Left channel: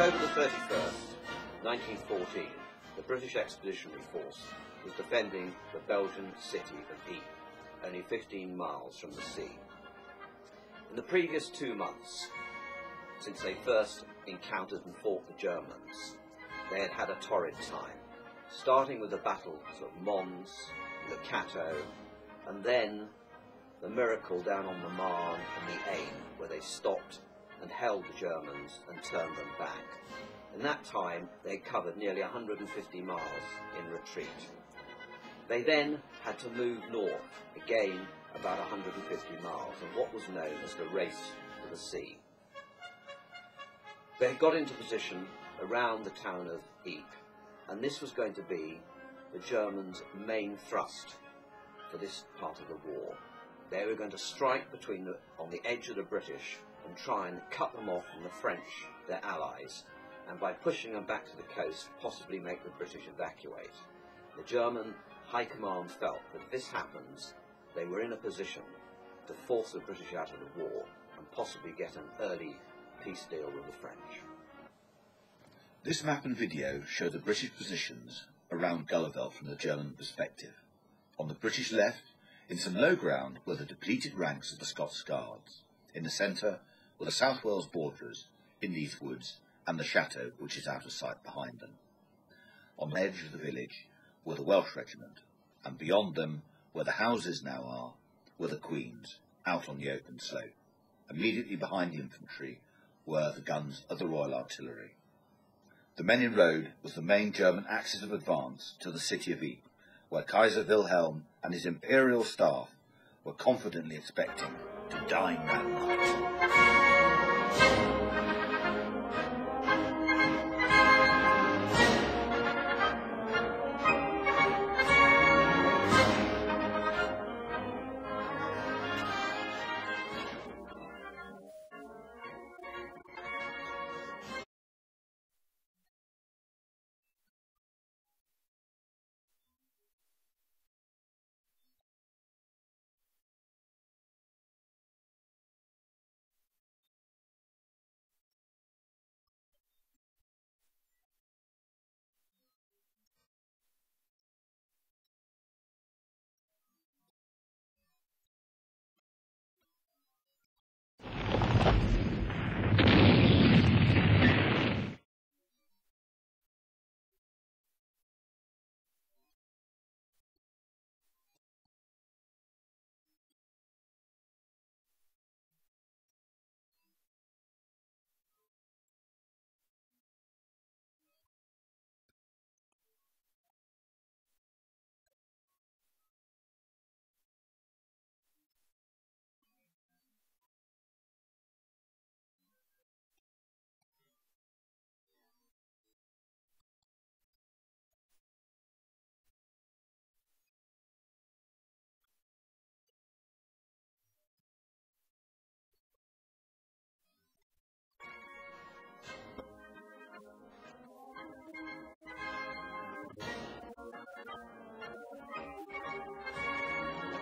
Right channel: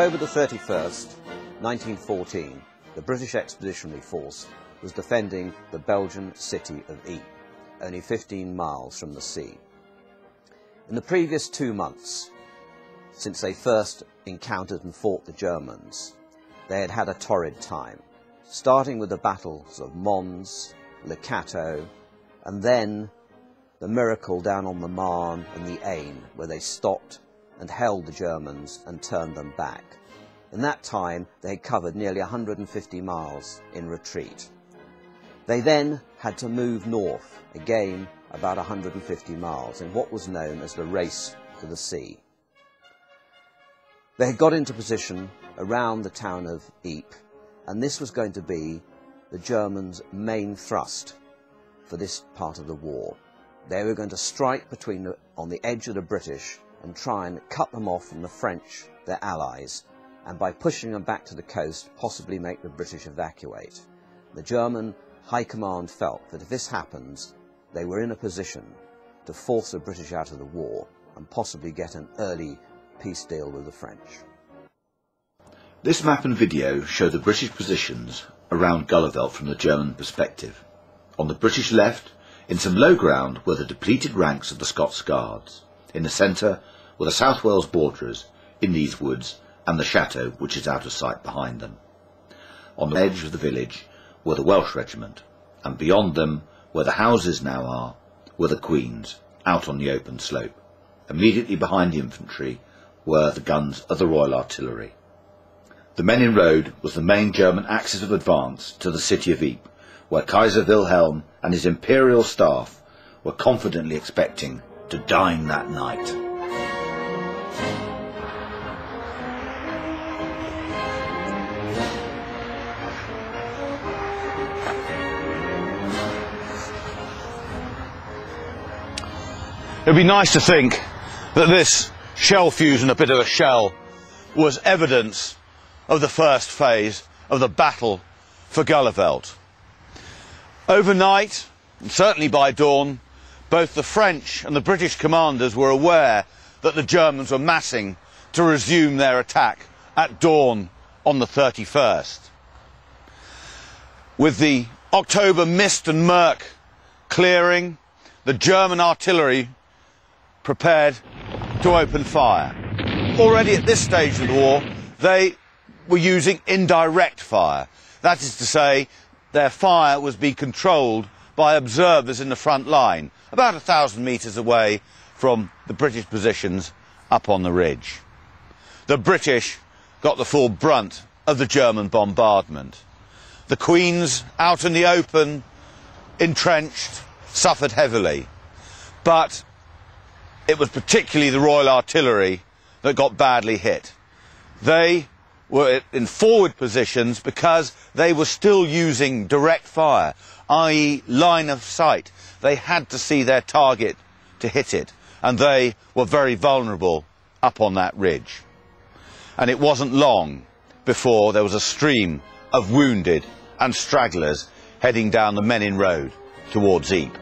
October the 31st, 1914, the British Expeditionary Force was defending the Belgian city of Ypres, only 15 miles from the sea. In the previous 2 months, since they first encountered and fought the Germans, they had had a torrid time, starting with the battles of Mons, Cateau, and then the miracle down on the Marne and the Aisne, where they stopped and held the Germans and turned them back. In that time, they had covered nearly 150 miles in retreat. They then had to move north, again about 150 miles, in what was known as the race to the sea. They had got into position around the town of Ypres, and this was going to be the Germans' main thrust for this part of the war. They were going to strike on the edge of the British and try and cut them off from the French, their allies, and by pushing them back to the coast, possibly make the British evacuate. The German High Command felt that if this happens, they were in a position to force the British out of the war and possibly get an early peace deal with the French. This map and video show the British positions around Geluveld from the German perspective. On the British left, in some low ground, were the depleted ranks of the Scots Guards. In the centre were the South Wales borderers in these woods and the Cateau, which is out of sight behind them. On the edge of the village were the Welsh regiment, and beyond them, where the houses now are, were the Queen's, out on the open slope. Immediately behind the infantry were the guns of the Royal Artillery. The Menin Road was the main German axis of advance to the city of Ypres, where Kaiser Wilhelm and his imperial staff were confidently expecting to dine that night. It would be nice to think that this shell fusion, a bit of a shell, was evidence of the first phase of the battle for Geluveld. Overnight, and certainly by dawn, both the French and the British commanders were aware that the Germans were massing to resume their attack at dawn on the 31st. With the October mist and murk clearing, the German artillery prepared to open fire. Already at this stage of the war, they were using indirect fire. That is to say, their fire was being controlled by observers in the front line, about 1,000 metres away from the British positions up on the ridge. The British got the full brunt of the German bombardment. The Queen's, out in the open, entrenched, suffered heavily. But it was particularly the Royal Artillery that got badly hit. They were in forward positions because they were still using direct fire, i.e. line of sight. They had to see their target to hit it, and they were very vulnerable up on that ridge. And it wasn't long before there was a stream of wounded and stragglers heading down the Menin Road towards Ypres.